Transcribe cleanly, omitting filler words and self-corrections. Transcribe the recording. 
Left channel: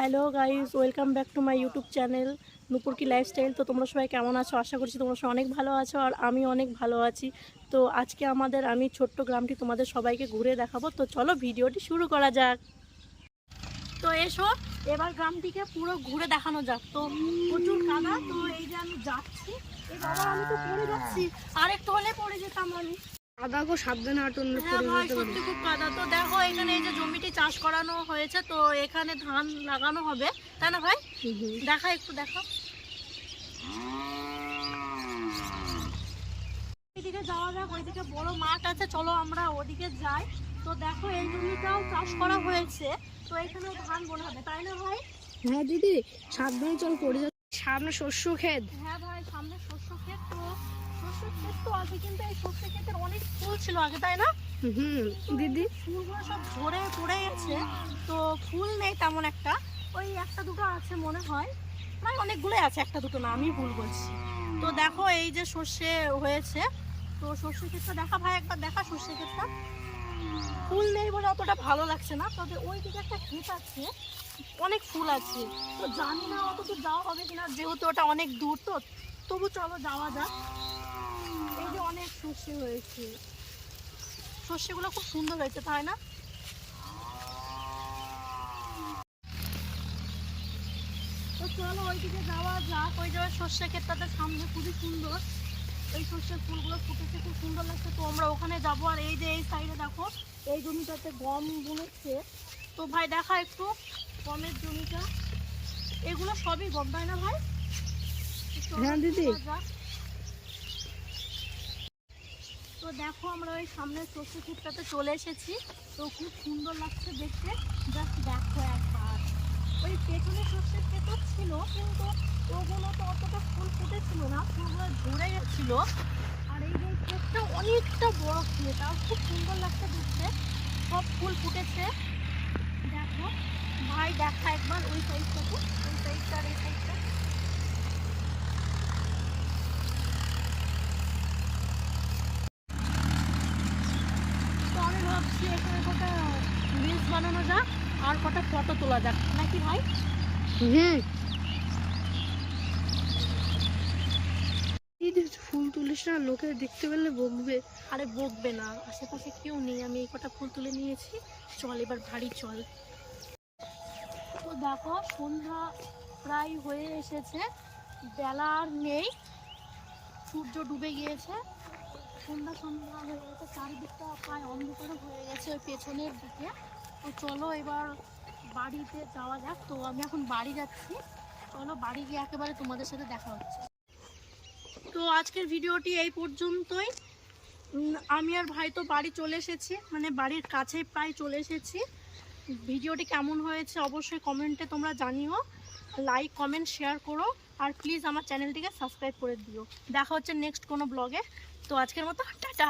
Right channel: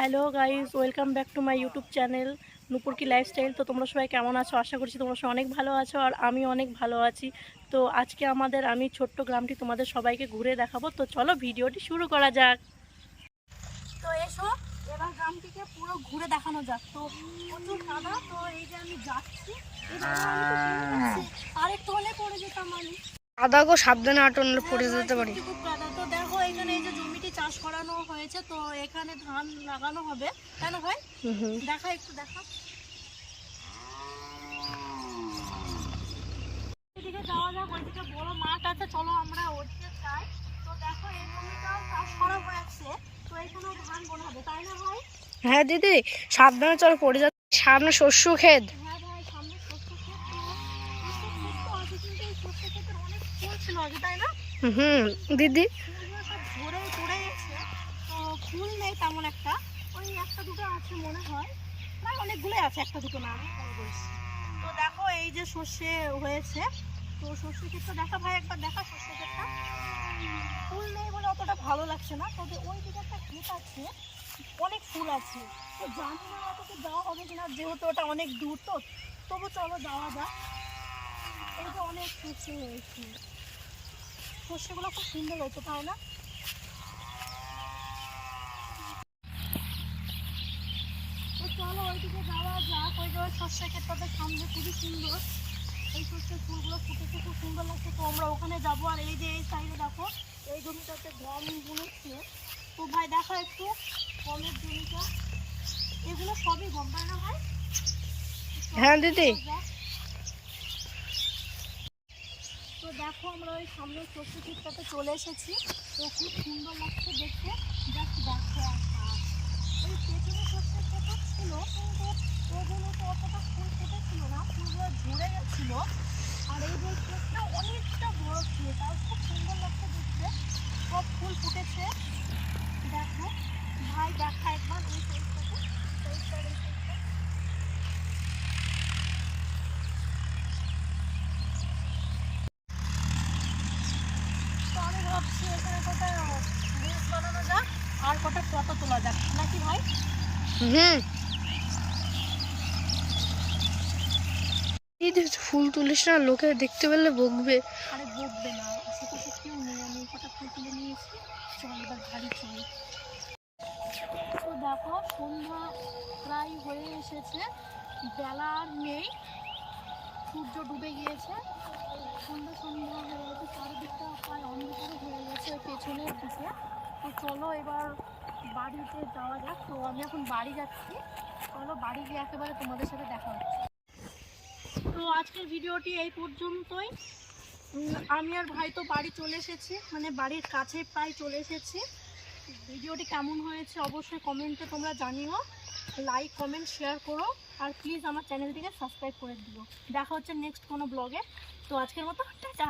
Hello guys, welcome back to my YouTube channel Nupur কি lifestyle. তো তোমরা সবাই কেমন আছো? আশা করছি তোমরা সবাই অনেক ভালো আছো, আর আমি অনেক ভালো আছি। তো আজকে আমি ছোট্ট গ্রামটি তোমাদের সবাইকে ঘুরে দেখাবো। তো চলো ভিডিওটি শুরু করা যাক। তো এসো এবার গ্রামটিকে পুরো ঘুরে দেখানো যাক। তো প্রচুর কাদা, তো এই যে আমি যাচ্ছি, এই বাবা আমি তো পড়ে যাচ্ছি, আর একটু হলে পড়ে যেতাম আমি। কাদা গো, সাবধানে আটলে পড়ে যেতে পারি। খুব কাদা। তো দেখো এখানে এই যে জমিটি চাষ করানো হয়েছে, তো এখানে ধান লাগানো হবে, তাই না ভাই? দেখা একটু দেখো, ওইদিকে যাওয়া যাক। ওইদিকে বড় মাঠ আছে, চলো আমরা ওদিকে যাই। তো দেখো এই জমিটাও চাষ করা হয়েছে, তো এখানেও ধান বোনা হবে, তাই না ভাই? হ্যাঁ দিদি, সাবধানে চল, পড়ে যাচ্ছে। সামনে শস্য ক্ষেত। হ্যাঁ ভাই, সামনে শস্য ক্ষেত। তো শস্য ক্ষেত তো আছে, কিন্তু এই শস্য ক্ষেতের অনেক ফুল ছিল আগে, তাই না? দিদি, ফুলগুলো সব ঝরে পড়ে গেছে, তো ফুল নেই তেমন একটা, ওই একটা দুটো আছে মনে হয়, মানে অনেকগুলোই আছে, একটা দুটো না, আমি ভুল বলছি। তো দেখো এই যে সর্ষে হয়েছে, তো সর্ষে ক্ষেতটা দেখা ভাই, একবার দেখা সর্ষে ক্ষেতটা। ফুল নেই বলে অতটা ভালো লাগছে না, তবে ওই দিকে একটা ক্ষেত আছে, অনেক ফুল আছে। তো জানি না অত যাওয়া হবে কিনা, যেহেতু ওটা অনেক দূর, তো তবু চলো যাওয়া যাক। এই যে অনেক সর্ষে হয়েছে, সর্ষেগুলো খুব সুন্দর হয়েছে, তাই না? তো চলো ওইদিকে যাওয়া যাক। ওই যে ওই সর্ষে ক্ষেতটাতে সামনে খুবই সুন্দর, এই সর্ষের ফুলগুলো ফুটেছে, খুব সুন্দর লাগছে। তো আমরা ওখানে যাবো। আর এই যে এই সাইডে দেখো, এই জমিটাতে গম বুনেছে। তো ভাই দেখা একটু গমের জমিটা, এগুলো সবই গম, তাই না ভাই? হ্যাঁ দিদি। তো দেখো আমরা ওই সামনে সর্ষে ক্ষেতটাতে চলে এসেছি, তো খুব সুন্দর লাগছে দেখতে। জাস্ট দেখো একবার, ওই পেছনে সর্ষে ক্ষেত ছিল, কিন্তু ওগুলো তো অতটা ফুল ফুটেছিল না, ফুলগুলো ঝরে গেছিল। আর এই যে ক্ষেতটা অনেকটা বড় ক্ষেত, তাও খুব সুন্দর লাগছে দেখতে, সব ফুল ফুটেছে। দেখো ভাই, দেখা একবার ওই সাইডটাতে, ওই সাইডটা আর এই সাইডটা। তো আমি ভাবছি এখানে কটা রিলস বানানো যাক, আর কটা ফটো তোলা যাক, নাকি ভাই? দিদি ফুল তুলিস না, লোকে দেখতে পেলে বকবে। আরে বকবে না, আশেপাশে কেউ নেই, আমি এই কটা ফুল তুলে নিয়েছি। চল এবার বাড়ি চল। তো দেখো সন্ধ্যা প্রায় হয়ে এসেছে, বেলা আর নেই, সূর্য ডুবে গিয়েছে, সন্ধ্যা সন্ধ্যা হয়ে গেছে, চারিদিকটা প্রায় অন্ধকার হয়ে গেছে ওই পেছনের দিকে। তো চলো এবার বাড়িতে যাওয়া যাক। তো আমি এখন বাড়ি যাচ্ছি, চলো বাড়ি গিয়ে একেবারে তোমাদের সাথে দেখা হচ্ছে। তো আজকের ভিডিওটি এই পর্যন্তই। আমি আর ভাই তো বাড়ি চলে এসেছি, মানে বাড়ির কাছে প্রায় চলে এসেছি। ভিডিওটি কেমন হয়েছে অবশ্যই কমেন্টে তোমরা জানিও, লাইক কমেন্ট শেয়ার করো, আর প্লিজ আমার চ্যানেলটিকে সাবস্ক্রাইব করে দিও। দেখা হচ্ছে নেক্সট কোনো ব্লগে। তো আজকের মতো টাটা।